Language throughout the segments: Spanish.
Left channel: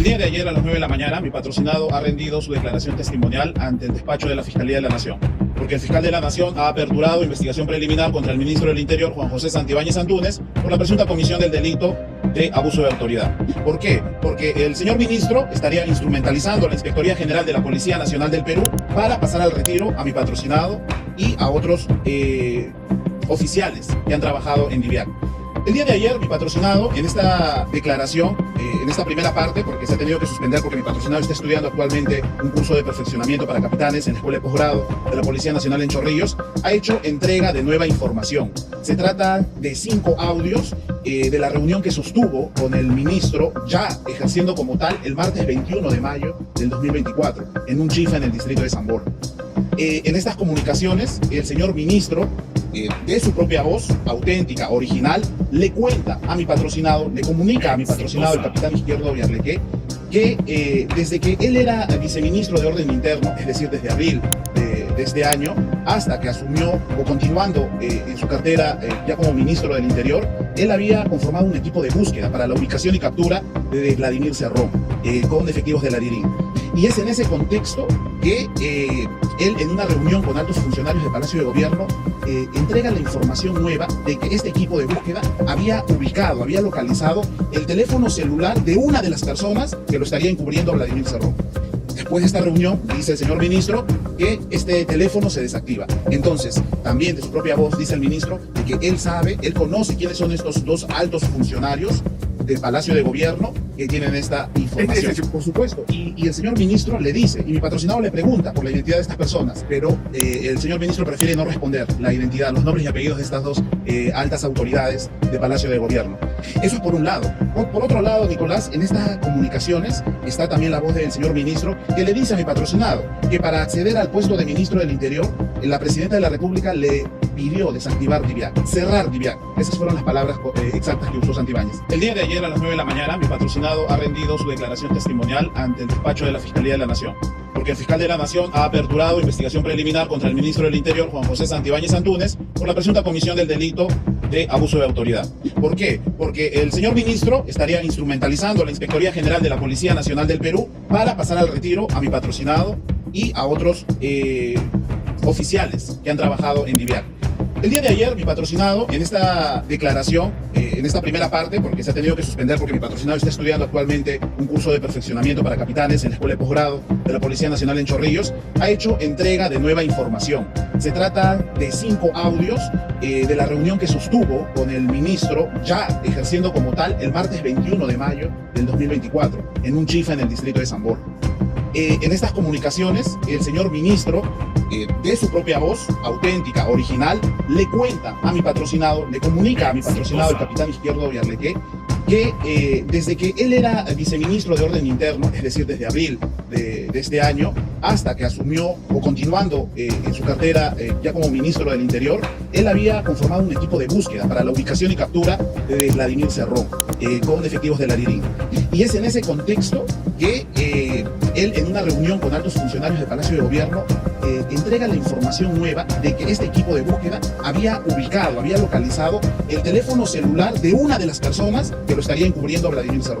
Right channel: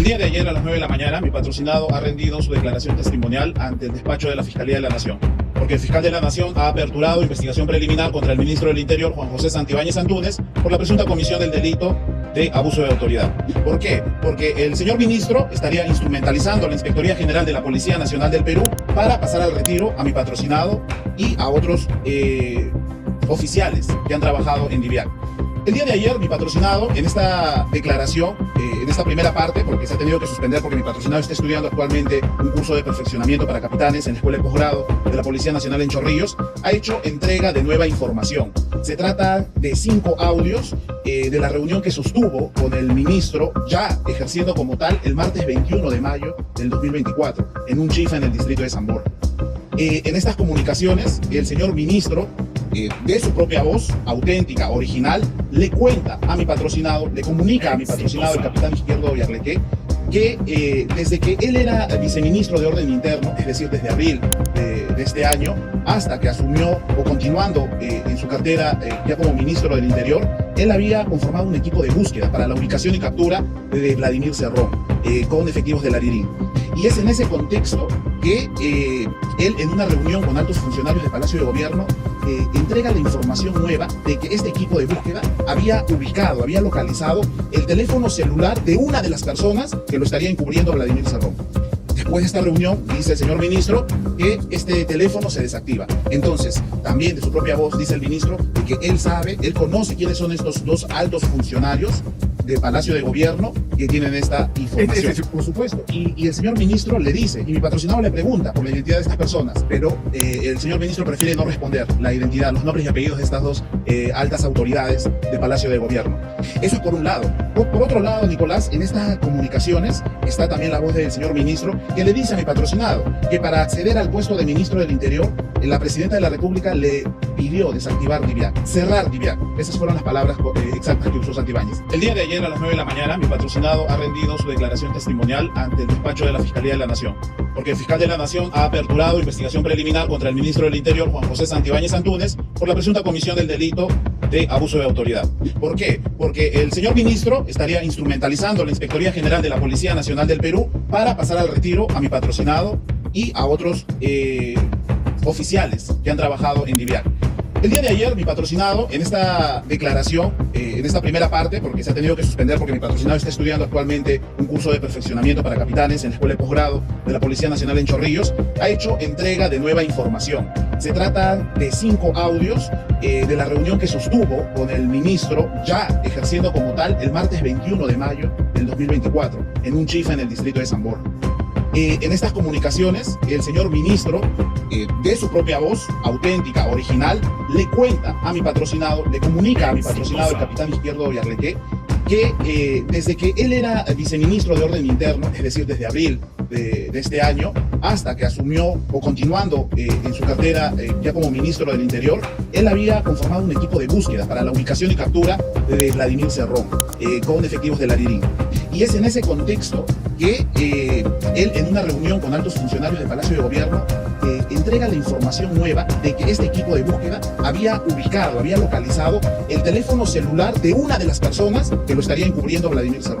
El día de ayer a las 9 de la mañana, mi patrocinado ha rendido su declaración testimonial ante el despacho de la Fiscalía de la Nación, porque el fiscal de la Nación ha aperturado investigación preliminar contra el ministro del Interior, Juan José Santibáñez Antúnez, por la presunta comisión del delito de abuso de autoridad. ¿Por qué? Porque el señor ministro estaría instrumentalizando la Inspectoría General de la Policía Nacional del Perú para pasar al retiro a mi patrocinado y a otros oficiales que han trabajado en DIVIAC. El día de ayer, mi patrocinado, en esta declaración, en esta primera parte, porque se ha tenido que suspender porque mi patrocinado está estudiando actualmente un curso de perfeccionamiento para capitanes en la Escuela de Posgrado de la Policía Nacional en Chorrillos, ha hecho entrega de nueva información. Se trata de 5 audios de la reunión que sostuvo con el ministro, ya ejerciendo como tal, el martes 21 de mayo del 2024, en un chifa en el distrito de San Borja. En estas comunicaciones, el señor ministro, de su propia voz, auténtica, original, le cuenta a mi patrocinado, le comunica a mi patrocinado, el capitán Izquierdo Villarleque, que desde que él era viceministro de Orden Interno, es decir, desde abril de este año, hasta que asumió o continuando en su cartera ya como ministro del Interior, él había conformado un equipo de búsqueda para la ubicación y captura de Vladimir Cerrón, con efectivos de la DIRIN. Y es en ese contexto que él, en una reunión con altos funcionarios del Palacio de Gobierno, entrega la información nueva de que este equipo de búsqueda había ubicado, había localizado el teléfono celular de una de las personas que lo estaría encubriendo Vladimir Cerrón. Después de esta reunión, dice el señor ministro que este teléfono se desactiva. Entonces, también de su propia voz, dice el ministro de que él sabe, él conoce quiénes son estos 2 altos funcionarios del Palacio de Gobierno que tienen esta información. Por supuesto. Y el señor ministro le dice, y mi patrocinado le pregunta por la identidad de estas personas, pero el señor ministro prefiere no responder la identidad, los nombres y apellidos de estas 2 altas autoridades del Palacio de Gobierno. Eso es por un lado. Por otro lado, Nicolás, en estas comunicaciones está también la voz del señor ministro que le dice a mi patrocinado que para acceder al puesto de ministro del Interior, la presidenta de la República le pidió desactivar DIVIAC, cerrar DIVIAC. Esas fueron las palabras exactas que usó Santibáñez. El día de ayer a las 9 de la mañana, mi patrocinado ha rendido su declaración testimonial ante el despacho de la Fiscalía de la Nación, porque el fiscal de la Nación ha aperturado investigación preliminar contra el ministro del Interior, Juan José Santibáñez Antúnez, por la presunta comisión del delito de abuso de autoridad. ¿Por qué? Porque el señor ministro estaría instrumentalizando la Inspectoría General de la Policía Nacional del Perú para pasar al retiro a mi patrocinado y a otros oficiales que han trabajado en DIVIAC. El día de ayer, mi patrocinado, en esta declaración, en esta primera parte, porque se ha tenido que suspender porque mi patrocinado está estudiando actualmente un curso de perfeccionamiento para capitanes en la Escuela de Posgrado de la Policía Nacional en Chorrillos, ha hecho entrega de nueva información. Se trata de 5 audios de la reunión que sostuvo con el ministro, ya ejerciendo como tal, el martes 21 de mayo del 2024, en un chifa en el distrito de San Borja. En estas comunicaciones, el señor ministro, de su propia voz, auténtica, original, le cuenta a mi patrocinado, le comunica a mi patrocinado, el capitán Izquierdo Villarleque, que desde que él era viceministro de Orden Interno, es decir, desde abril de este año, hasta que asumió o continuando en su cartera ya como ministro del Interior, él había conformado un equipo de búsqueda para la ubicación y captura de Vladimir Cerrón, con efectivos de la DIRIN. Y es en ese contexto que él, en una reunión con altos funcionarios del Palacio de Gobierno, entrega la información nueva de que este equipo de búsqueda había ubicado, había localizado el teléfono celular de una de las personas que lo estaría encubriendo Vladimir Cerrón.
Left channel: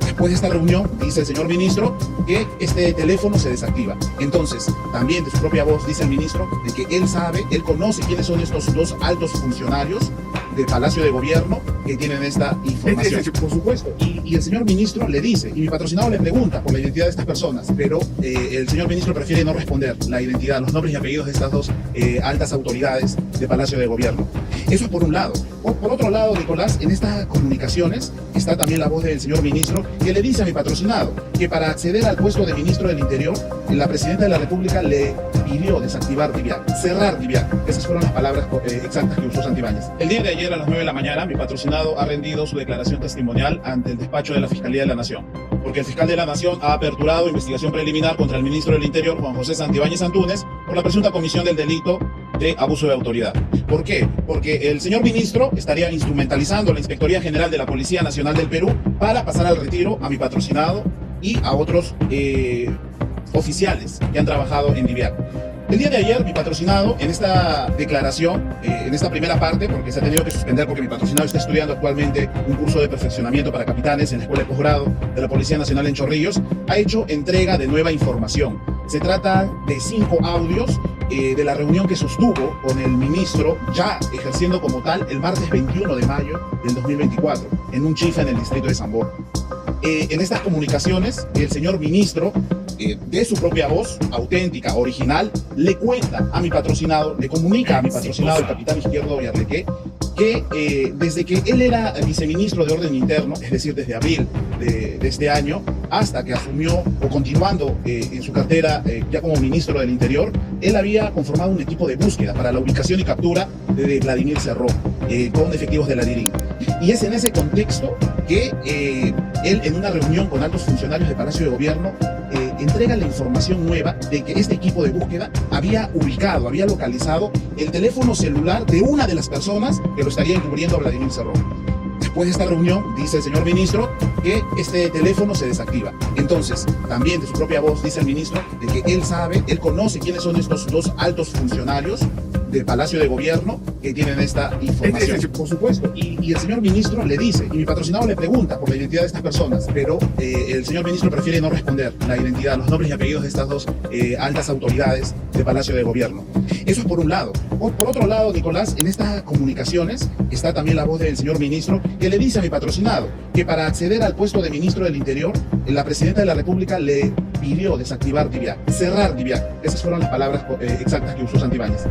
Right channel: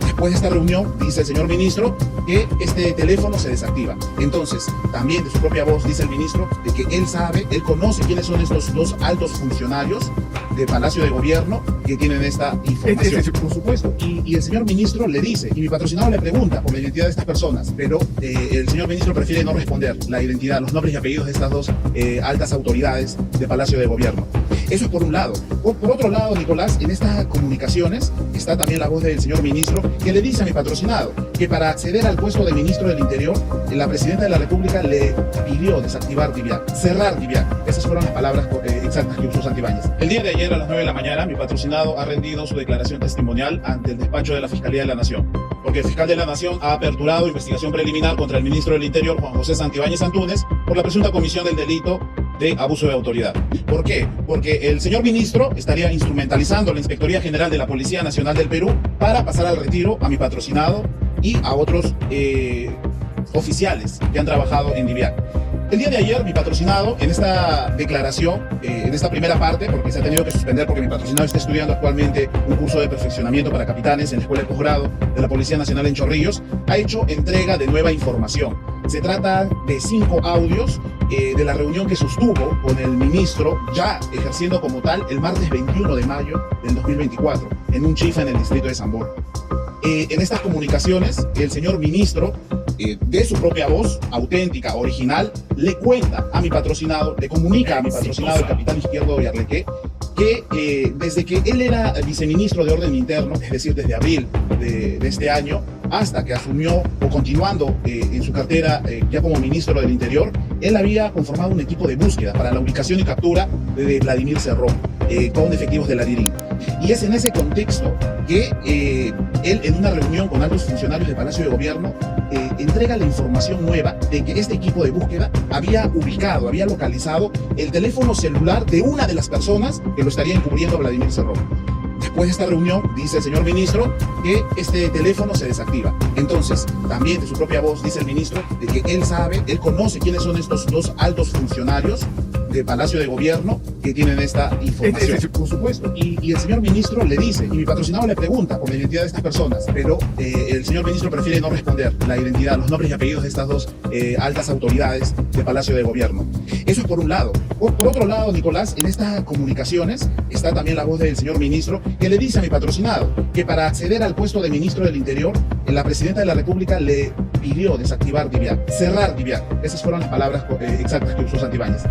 Después de esta reunión, dice el señor ministro que este teléfono se desactiva. Entonces, también de su propia voz, dice el ministro de que él sabe, él conoce quiénes son estos 2 altos funcionarios del Palacio de Gobierno que tienen esta información. Por supuesto. Y el señor ministro le dice, y mi patrocinado le pregunta por la identidad de estas personas, pero el señor ministro prefiere no responder la identidad, los nombres y apellidos de estas 2 altas autoridades del Palacio de Gobierno. Eso es por un lado. Por otro lado, Nicolás, en estas comunicaciones está también la voz del señor ministro que le dice a mi patrocinado que para acceder al puesto de ministro del Interior, la presidenta de la República le pidió desactivar DIVIAC, cerrar DIVIAC. Esas fueron las palabras exactas que usó Santibáñez. El día de ayer a las 9 de la mañana, mi patrocinado ha rendido su declaración testimonial ante el despacho de la Fiscalía de la Nación, porque el fiscal de la Nación ha aperturado investigación preliminar contra el ministro del Interior, Juan José Santibáñez Antúnez, por la presunta comisión del delito de abuso de autoridad. ¿Por qué? Porque el señor ministro estaría instrumentalizando la Inspectoría General de la Policía Nacional del Perú para pasar al retiro a mi patrocinado y a otros oficiales que han trabajado en DIVIAC. El día de ayer, mi patrocinado, en esta declaración, en esta primera parte, porque se ha tenido que suspender porque mi patrocinado está estudiando actualmente un curso de perfeccionamiento para capitanes en la Escuela de Posgrado de la Policía Nacional en Chorrillos, ha hecho entrega de nueva información. Se trata de 5 audios de la reunión que sostuvo con el ministro, ya ejerciendo como tal, el martes 21 de mayo del 2024, en un chifa en el distrito de San Borja. En estas comunicaciones, el señor ministro, de su propia voz, auténtica, original, le cuenta a mi patrocinado, le comunica a mi patrocinado, el capitán Izquierdo Villarleque, que desde que él era viceministro de Orden Interno, es decir, desde abril de este año, hasta que asumió, o continuando en su cartera ya como ministro del Interior, él había conformado un equipo de búsqueda para la ubicación y captura de Vladimir Cerrón, con efectivos de la DIRIN. Y es en ese contexto que él, en una reunión con altos funcionarios del Palacio de Gobierno, entrega la información nueva de que este equipo de búsqueda había ubicado, había localizado el teléfono celular de una de las personas que lo estaría encubriendo a Vladimir Cerrón. Después de esta reunión, dice el señor ministro que este teléfono se desactiva. Entonces, también de su propia voz, dice el ministro de que él sabe, él conoce quiénes son estos 2 altos funcionarios del Palacio de Gobierno que tienen esta información. Por supuesto. Y el señor ministro le dice, y mi patrocinado le pregunta por la identidad de estas personas, pero el señor ministro prefiere no responder la identidad, los nombres y apellidos de estas 2 altas autoridades del Palacio de Gobierno. Eso es por un lado. Por otro lado, Nicolás, en estas comunicaciones está también la voz del señor ministro que le dice a mi patrocinado que para acceder al puesto de ministro del Interior, la presidenta de la República le pidió desactivar DIVIAC, cerrar DIVIAC. Esas fueron las palabras exactas que usó Santibáñez.